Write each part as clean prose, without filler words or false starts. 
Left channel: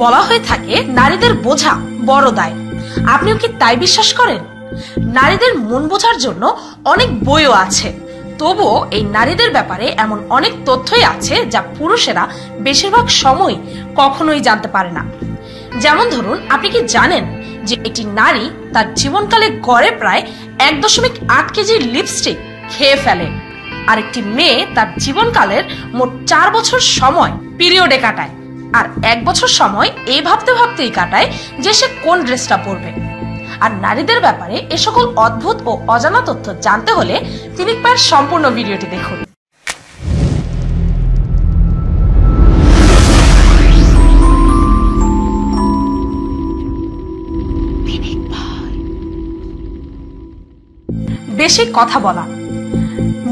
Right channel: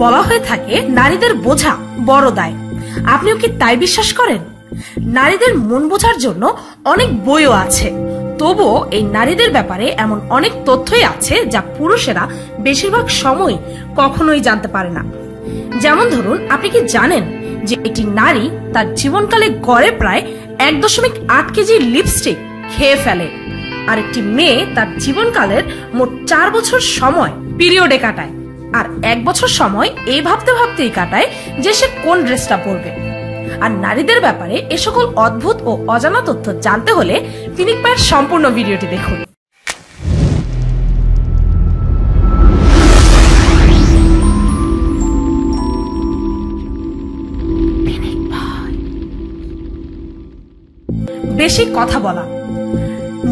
বলা হয়ে থাকে নারীদের বোঝা বড় দায়। আপনিও কি তাই বিশ্বাস করেন? নারীদের মন বোঝার জন্য অনেক বইও আছে, তবুও এই নারীদের ব্যাপারে এমন অনেক তথ্যই আছে যা পুরুষেরা বেশিরভাগ সময় কখনোই জানতে পারে না। যেমন ধরুন, আপনি কি জানেন যে একটি নারী তার জীবনকালে গড়ে প্রায় 1.8 কেজি লিপস্টিক খেয়ে ফেলে, আর একটি মেয়ে তার জীবনকালের মোট 4 বছর সময় পিরিয়ডে কাটায়, আর 1 বছর সময় এই ভাবতে ভাবতেই কাটায় যে সে কোন ড্রেসটা পরবে। আর নারীদের ব্যাপারে এ সকল অদ্ভুত ও অজানা তথ্য জানতে হলে ফিনিক পায়ের সম্পূর্ণ ভিডিওটি দেখুন। বেশি কথা বলা।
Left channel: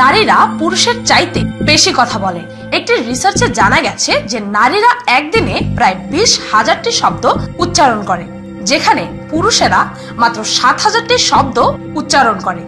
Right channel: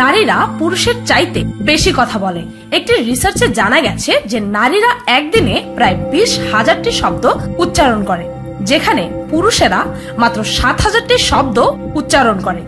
নারীরা পুরুষের চাইতে বেশি কথা বলে। একটি রিসার্চে জানা গেছে যে নারীরা একদিনে প্রায় 20,000টি শব্দ উচ্চারণ করে, যেখানে পুরুষেরা মাত্র 7,000টি শব্দ উচ্চারণ করে,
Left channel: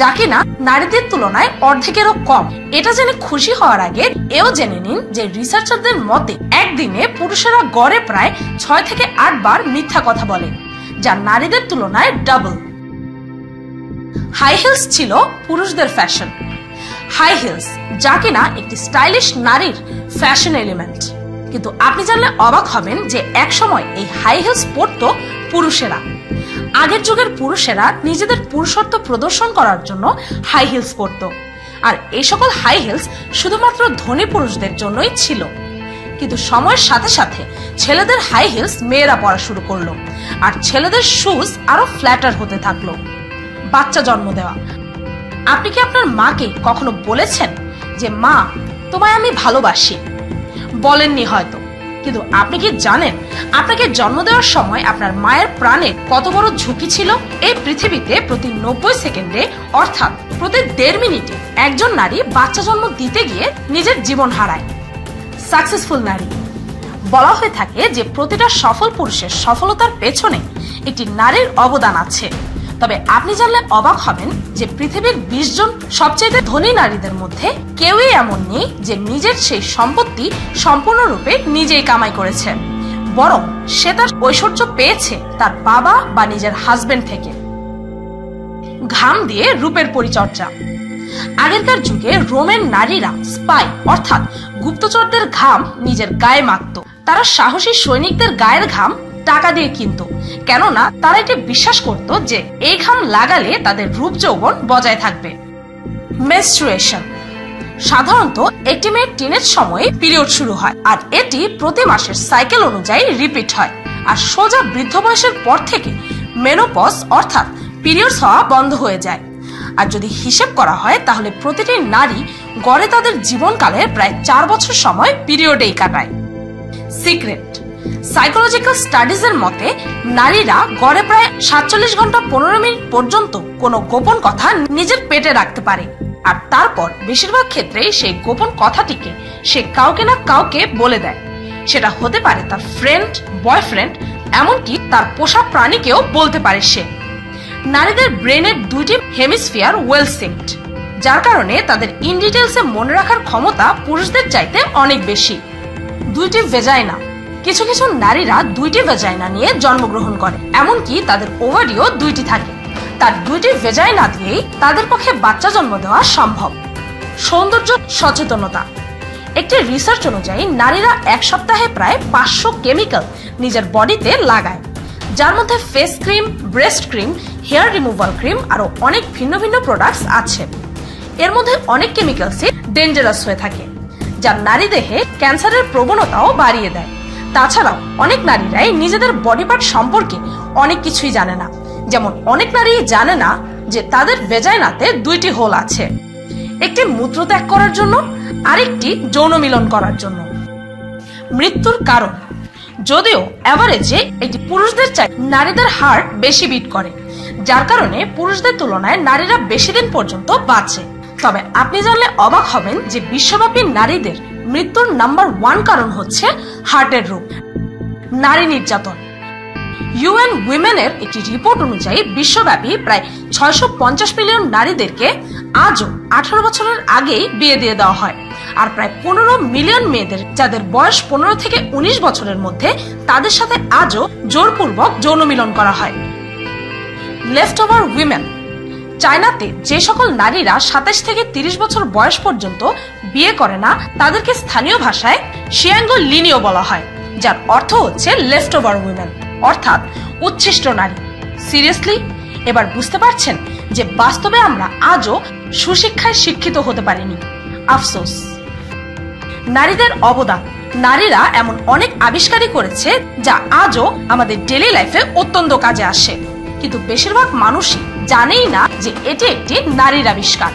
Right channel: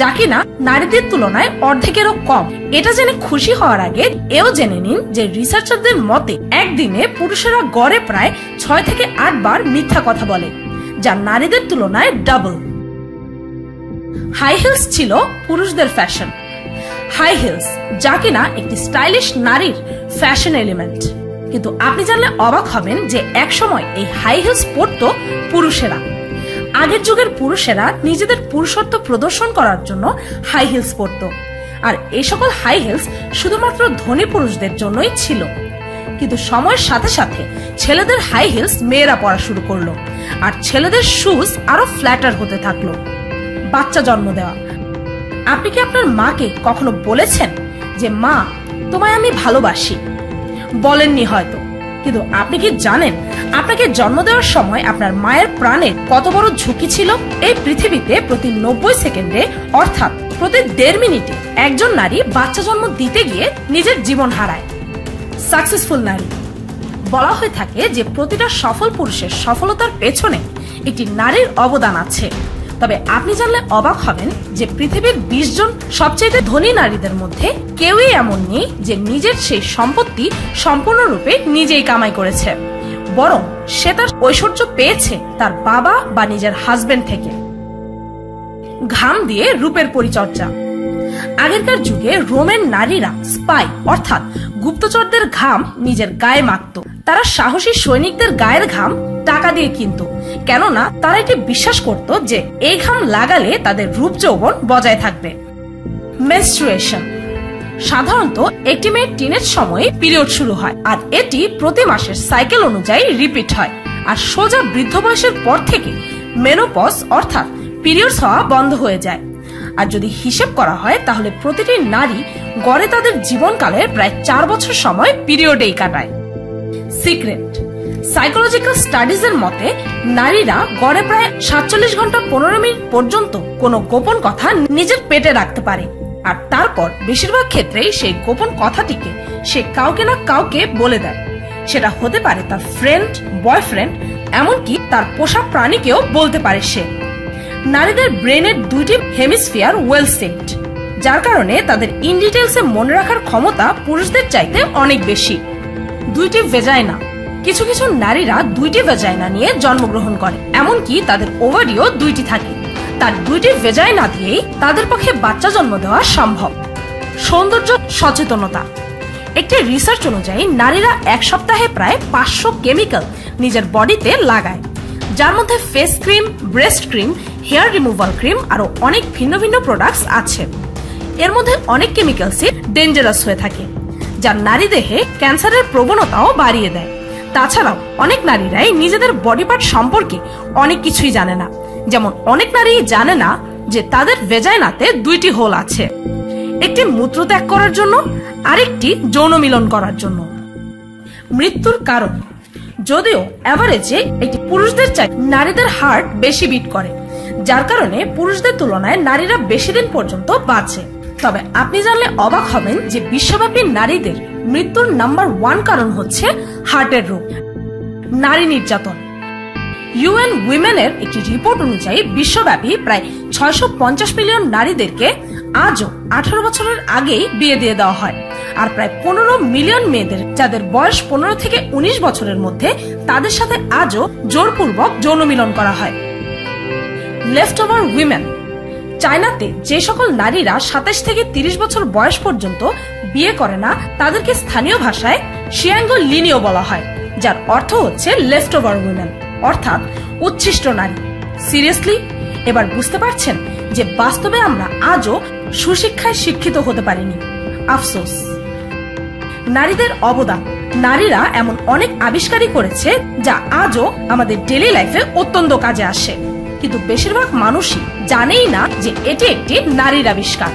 যা কিনা নারীদের তুলনায় অর্ধেকেরও কম। এটা জেনে খুশি হওয়ার আগে এও জেনে নিন যে রিসার্চারদের মতে একদিনে পুরুষেরা গড়ে প্রায় 6 থেকে 8 বার মিথ্যা কথা বলে, যা নারীদের তুলনায় ডাবল। হাই হিলস ছিল পুরুষদের ফ্যাশন। হাই হিলস, যা কিনা একটি স্টাইলিশ নারীর ফ্যাশন এলিমেন্ট, কিন্তু আপনি জানলে অবাক হবেন যে একসময় এই হাই হিলস পরত পুরুষেরা। আগের যুগের পুরুষেরা নিজেদের পুরুষত্ব প্রদর্শন করার জন্য হাই হিলস পরত, আর এই সকল হাই হিলস শুধুমাত্র ধনী পুরুষদের জন্যই ছিল। কিন্তু সময়ের সাথে সাথে ছেলেদের হাই হিলস মেয়েরা পরা শুরু করলো, আর ছেলেদের শুজ আরো ফ্ল্যাটার হতে থাকলো। বাচ্চা জন্ম দেওয়া। আপনি কি আপনার মাকে কখনো বলেছেন যে মা, তোমায় আমি ভালোবাসি? বলেননি হয়তো, কিন্তু আপনি কি জানেন আপনাকে জন্ম দেওয়ার সময় আপনার মায়ের প্রাণের কত বড় ঝুঁকি ছিল? এই পৃথিবীতে প্রতি 90 সেকেন্ডে অর্থাৎ প্রতি 1.5 মিনিটে একজন নারী বাচ্চা জন্ম দিতে গিয়ে নিজের জীবন হারায়। সাকসেসফুল নারী। বলা হয়ে থাকে যে প্রতিটা সফল পুরুষের সফলতার পেছনে একটি নারীর অবদান আছে। তবে আপনি জানলে অবাক হবেন যে পৃথিবীর 20 জন সবচেয়ে ধনী নারীদের মধ্যে কেউই এমন নেই যে নিজের সেই সম্পত্তি সম্পূর্ণরূপে নিজেই কামাই করেছে, বরং সে তার ঐশ্বর্য পেয়েছে তার বাবা বা নিজের হাজবেন্ড থেকে। ঘাম দিয়ে রূপের পরিচর্যা। আগেরকার যুগে রোমের নারীরা স্পাই অর্থাৎ গুপ্তচরদের ঘাম নিজের গায়ে মাখত। তারা সাহসী সৈনিকদের গায়ের ঘাম টাকা দিয়ে কিনত, কেননা তারা এটি বিশ্বাস করত যে এই ঘাম লাগালে তাদের রূপ যৌবন বজায় থাকবে। মেনস্ট্রুয়েশন। সাধারণত একটি মেয়ের টিনেজ সময়ে পিরিয়ড শুরু হয়, আর এটি প্রতি মাসের সাইকেল অনুযায়ী রিপিট হয়, আর সোজা বৃদ্ধ বয়সের পর থেকে মেনোপজ অর্থাৎ পিরিয়ডস হওয়া বন্ধ হয়ে যায়। আর যদি হিসেব করা হয় তাহলে প্রতিটি নারী গড়ে তাদের জীবনকালের প্রায় 4 বছর সময় পিরিয়ডেই কাটায়। সিক্রেট। সাইকোলজিক্যাল স্টাডিজ এর মতে নারীরা গড়ে প্রায় 47 ঘন্টা 15 মিনিট পর্যন্ত কোনো গোপন কথা নিজের পেটে রাখতে পারে, আর তারপর বেশিরভাগ ক্ষেত্রেই সেই গোপন কথাটিকে সে কাউকে না কাউকে বলে দেয়। সেটা হতে পারে তার ফ্রেন্ড, বয়ফ্রেন্ড, এমনকি তার পোষা প্রাণীকেও বলতে পারে সে। নারীদের ব্রেনের 2টি হেমিস্ফিয়ার ওয়েল সিঙ্কড, যার কারণে তাদের ইন ডিটেইলসে মনে রাখার ক্ষমতা পুরুষদের চাইতে অনেক বেশি। 2টি ভেজাইনা। কিছু কিছু নারীরা 2টি ভেজাইনা নিয়ে জন্মগ্রহণ করে, এমনকি তাদের ওভারিও 2টি থাকে। তার 2টি ভেজাইনা দিয়েই তাদের পক্ষে বাচ্চা জন্ম দেওয়া সম্ভব। সৌন্দর্য সচেতনতা। একটি রিসার্চ অনুযায়ী নারীরা এক সপ্তাহে প্রায় 500 কেমিক্যাল নিজের বডিতে লাগায়, যার মধ্যে face cream, breast cream, hair removal cream আরো অনেক ভিন্ন ভিন্ন প্রোডাক্টস আছে। এর মধ্যে অনেক কেমিক্যালসই ডেঞ্জারাস হয়ে থাকে, যা নারী দেহে ক্যান্সারের প্রবণতাও বাড়িয়ে দেয়। তাছাড়াও অনেক নারীরাই নিজেদের বডি পার্ট সম্পর্কে অনেক কিছুই জানে না। যেমন অনেক নারী জানে না যে তাদের ভেজাইনাতে 2টি হোল আছে, একটি মূত্র ত্যাগ করার জন্য, আরেকটি যৌন মিলন করার জন্য। মৃত্যুর কারণ। যদিও এভারেজে একটি পুরুষদের চাই নারীদের হার্ট বেশি বিট করে, যার কারণে পুরুষদের তুলনায় নারীরা বেশি দিন পর্যন্ত বাঁচে। তবে আপনি জানলে অবাক হবেন যে বিশ্বব্যাপী নারীদের মৃত্যুর নাম্বার 1 কারণ হচ্ছে হার্টের রোগ। নারী নির্যাতন। ইউএন উইমেনের একটি রিপোর্ট অনুযায়ী বিশ্বব্যাপী প্রায় 650 মিলিয়ন নারীদেরকে আজও 18 বছরের আগেই বিয়ে দিয়ে দেওয়া হয়, আর প্রায় 15 মিলিয়ন মেয়েদের যাদের বয়স 15 থেকে 19 বছরের মধ্যে তাদের সাথে আজও জোরপূর্বক যৌন মিলন করা হয়। Left over women. চায়নাতে যে সকল নারীরা 27 থেকে 30 বছর বয়স পর্যন্ত বিয়ে করে না তাদেরকে স্থানীয় ভাষায় শিয়াঙ্গো লিনিও বলা হয়, যার অর্থ হচ্ছে লেফট ওভার উইমেন, অর্থাৎ উচ্ছিষ্ট নারী। সিরিয়াসলি, এবার বুঝতে পারছেন যে বাস্তবে আমরা আজও সুশিক্ষায় শিক্ষিত হতে পারিনি। আফসোস। নারীদের অবদান। নারীরা এমন অনেক আবিষ্কারই করেছে যা আজও আমাদের ডেইলি লাইফে অত্যন্ত কাজে আসে, কিন্তু বেশিরভাগ মানুষই জানেই না যে এটি একটি নারীর আবিষ্কার।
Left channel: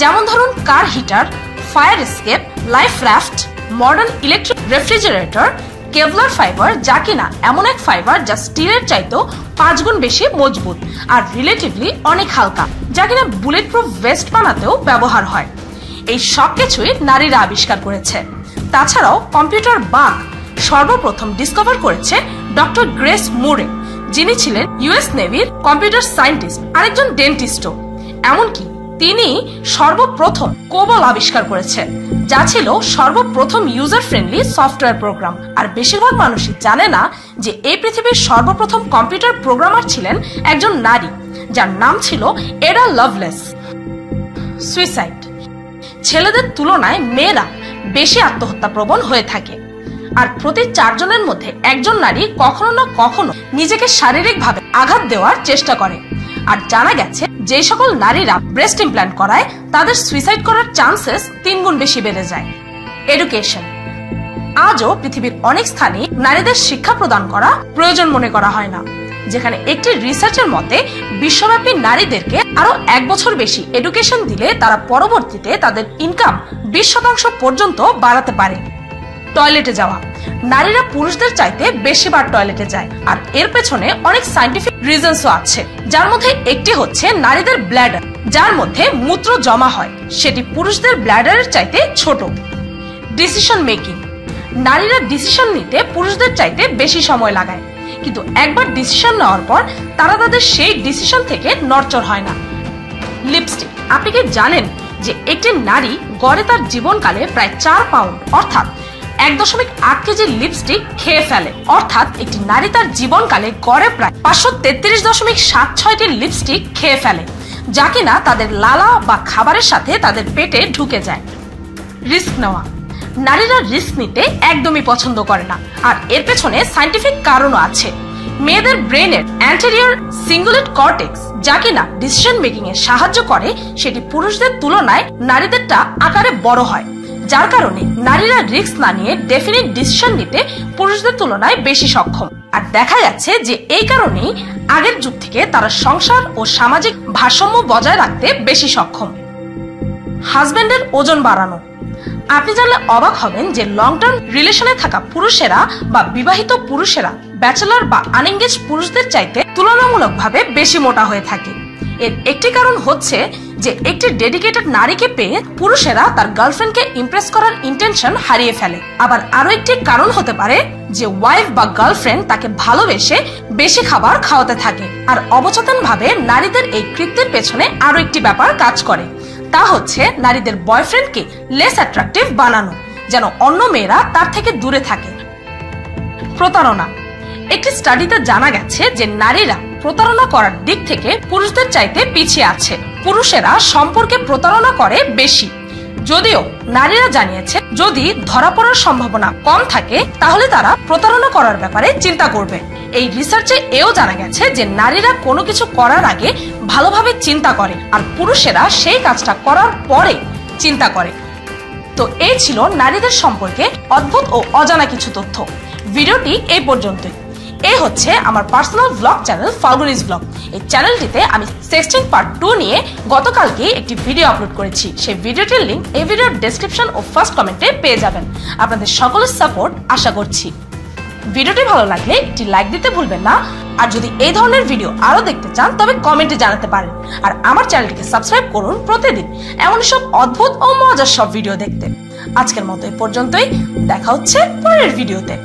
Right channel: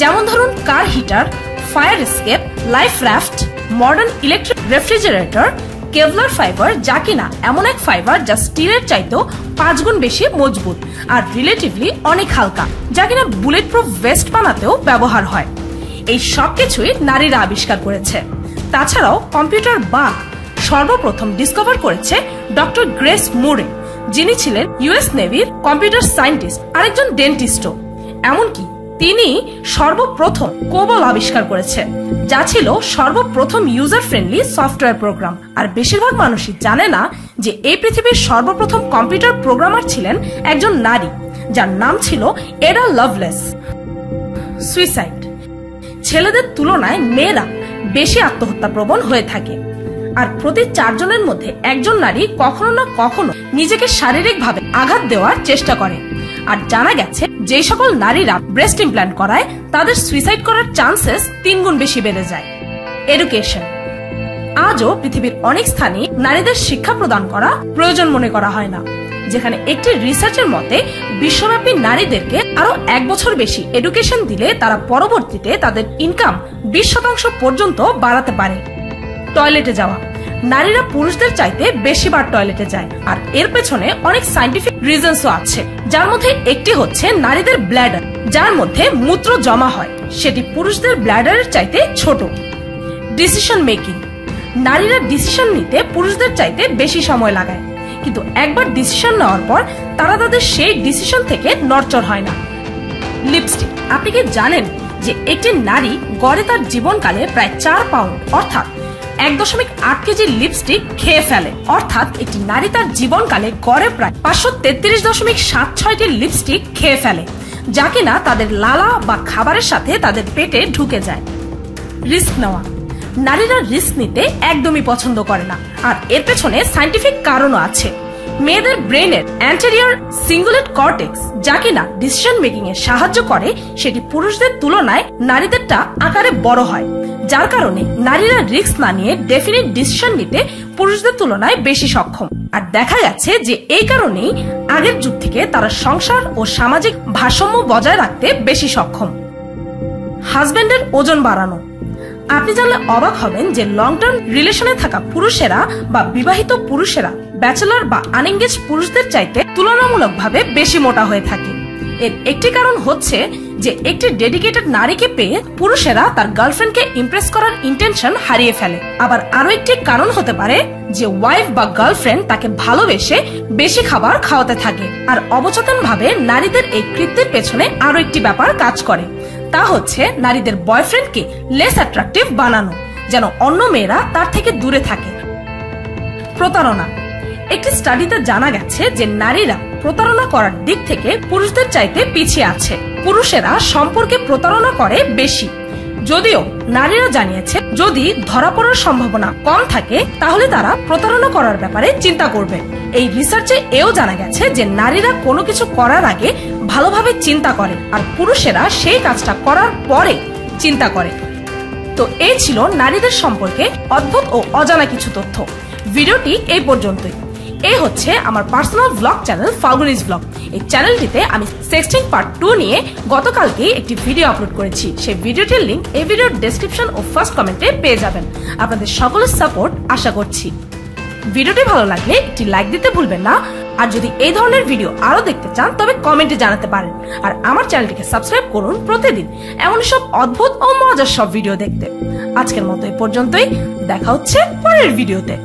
যেমন ধরুন car heater, fire escape, life raft, modern electric refrigerator, Kevlar fibre, যা কিনা এমন এক ফাইবার যা স্টিলের চাইতেও 5 গুণ বেশি মজবুত আর রিলেটিভলি অনেক হালকা, যা কিনা বুলেট প্রুফ ভেস্ট বানাতেও ব্যবহার হয়। এই সবকিছুই নারীরা আবিষ্কার করেছে। তাছাড়াও কম্পিউটার বাগ সর্বপ্রথম ডিসকভার করেছে ডক্টর গ্রেস মুরে, যিনি ছিলেন ইউএস নেভির কম্পিউটার সায়েন্টিস্ট, আরেকজন ডেন্টিস্টও। এমনকি তিনি সর্বপ্রথম কোবল আবিষ্কার করেছে, যা ছিল সর্বপ্রথম ইউজার ফ্রেন্ডলি সফটওয়্যার প্রোগ্রাম। আর বেশিরভাগ মানুষই জানে না যে এই পৃথিবীর সর্বপ্রথম কম্পিউটার প্রোগ্রামার ছিলেন একজন নারী, যার নাম ছিল এডা লাভলেস। সুইসাইড। ছেলেদের তুলনায় মেয়েরা বেশি আত্মহত্যা প্রবণ হয়ে থাকে, আর প্রতি 4 জনের মধ্যে একজন নারী কখনো না কখনো নিজেকে শারীরিকভাবে আঘাত দেওয়ার চেষ্টা করে। আর জানা গেছে যে সকল নারীরা ব্রেস্ট ইমপ্ল্যান্ট করায় তাদের সুইসাইড করার চান্সেস 3 গুণ বেশি বেড়ে যায়। এডুকেশন। আজও পৃথিবীর অনেক স্থানে নারীদের শিক্ষা প্রদান করা প্রয়োজন মনে করা হয় না, যেখানে একটি রিসার্চের মতে বিশ্বব্যাপী নারীদেরকে আরো 1 বছর বেশি এডুকেশন দিলে তারা পরবর্তীতে তাদের ইনকাম 20% পর্যন্ত বাড়াতে পারে। টয়লেটে যাওয়া। নারীরা পুরুষদের চাইতে বেশিবার টয়লেটে যায়, আর এর পেছনে অনেক সায়েন্টিফিক রিজনসও আছে, যার মধ্যে একটি হচ্ছে নারীদের ব্ল্যাডার, যার মধ্যে মূত্র জমা হয়, সেটি পুরুষদের ব্ল্যাডারের চাইতে ছোট। Decision making. নারীরা ডিসিশন নিতে পুরুষদের চাইতে বেশি সময় লাগায়, কিন্তু একবার ডিসিশন নেওয়ার পর তারা তাদের সেই ডিসিশন থেকে নড়চড় হয় না। লিপস্টিক। আপনি কি জানেন যে একটি নারী গড়ে তার জীবনকালে প্রায় 4 পাউন্ড অর্থাৎ 1.8 কেজি লিপস্টিক খেয়ে ফেলে? অর্থাৎ একটি নারী তার জীবনকালে গড়ে প্রায় 533.76টি লিপস্টিক খেয়ে ফেলে, যা কিনা তাদের লালা বা খাবারের সাথে তাদের পেটে ঢুকে যায়। রিস্ক নেওয়া। নারীরা রিস্ক নিতে একদমই পছন্দ করে না, আর এর পেছনে সায়েন্টিফিক কারণও আছে। মেয়েদের ব্রেনের অ্যান্টেরিয়র সিঙ্গুলেট কর্টেক্স, যা কিনা ডিসিশন মেকিং এ সাহায্য করে, সেটি পুরুষদের তুলনায় নারীদেরটা আকারে বড় হয়, যার কারণে নারীরা রিস্ক না নিয়ে ডেফিনিট ডিসিশন নিতে পুরুষদের তুলনায় বেশি সক্ষম। আর দেখা যাচ্ছে যে এই কারণেই আগের যুগ থেকে তারা সংসার ও সামাজিক ভারসাম্য বজায় রাখতে বেশি সক্ষম। হাজবেন্ডের ওজন বাড়ানো। আপনি জানলে অবাক হবেন যে লং টার্ম রিলেশনে থাকা পুরুষেরা বা বিবাহিত পুরুষেরা ব্যাচেলর বা আনএঙ্গেজ পুরুষদের চাইতে তুলনামূলকভাবে বেশি মোটা হয়ে থাকে। এর একটি কারণ হচ্ছে যে একটি ডেডিকেটেড নারীকে পেয়ে পুরুষেরা তার গার্লফ্রেন্ডকে ইমপ্রেস করার ইন্টেনশন হারিয়ে ফেলে। আবার আরো একটি কারণ হতে পারে যে ওয়াইফ বা গার্লফ্রেন্ড তাকে ভালোবেসে বেশি খাবার খাওয়াতে থাকে। আর অবচেতন ভাবে নারীদের এই কৃত্যের পেছনে আরো একটি ব্যাপার কাজ করে, তা হচ্ছে নারীদের বয়ফ্রেন্ডকে লেস অ্যাট্রাকটিভ বানানো, যেন অন্য মেয়েরা তার থেকে দূরে থাকে। প্রতারণা। একটি স্টাডিতে জানা গেছে যে নারীরা প্রতারণা করার দিক থেকে পুরুষদের চাইতে পিছিয়ে আছে। পুরুষেরা সম্পর্কে প্রতারণা করে বেশি, যদিও নারীরা জানিয়েছে যদি ধরা পড়ার সম্ভাবনা কম থাকে তাহলে তারা প্রতারণা করার ব্যাপারে চিন্তা করবে। এই রিসার্চে এও জানা গেছে যে নারীরা কোনো কিছু করার আগে ভালোভাবে চিন্তা করে, আর পুরুষেরা সেই কাজটা করার পরে চিন্তা করে। তো এই ছিল নারীদের সম্পর্কে অদ্ভুত ও অজানা কিছু তথ্য। ভিডিওটি এই পর্যন্তই। এই হচ্ছে আমার পার্সোনাল ব্লগ চ্যানেল ফাল্গুনিস ব্লগ। এই চ্যানেলটিতে আমি সেক্সটিং পার্ট 2 নিয়ে গতকালকে একটি ভিডিও আপলোড করেছি। সেই ভিডিওটির লিংক এই ভিডিওর ডেসক্রিপশন ও ফার্স্ট কমেন্টে পেয়ে যাবেন। আপনাদের সকলের সাপোর্ট আশা করছি। ভিডিওটি ভালো লাগলে একটি লাইক দিতে ভুলবেন না, আর যদি এই ধরনের ভিডিও আরো দেখতে চান তবে কমেন্টে জানাতে পারেন। আর আমার চ্যানেলটিকে সাবস্ক্রাইব করুন প্রতিদিন এমন সব অদ্ভুত ও মজার সব ভিডিও দেখতে। আজকের মতো এই পর্যন্তই, দেখা হচ্ছে পরের ভিডিওতে।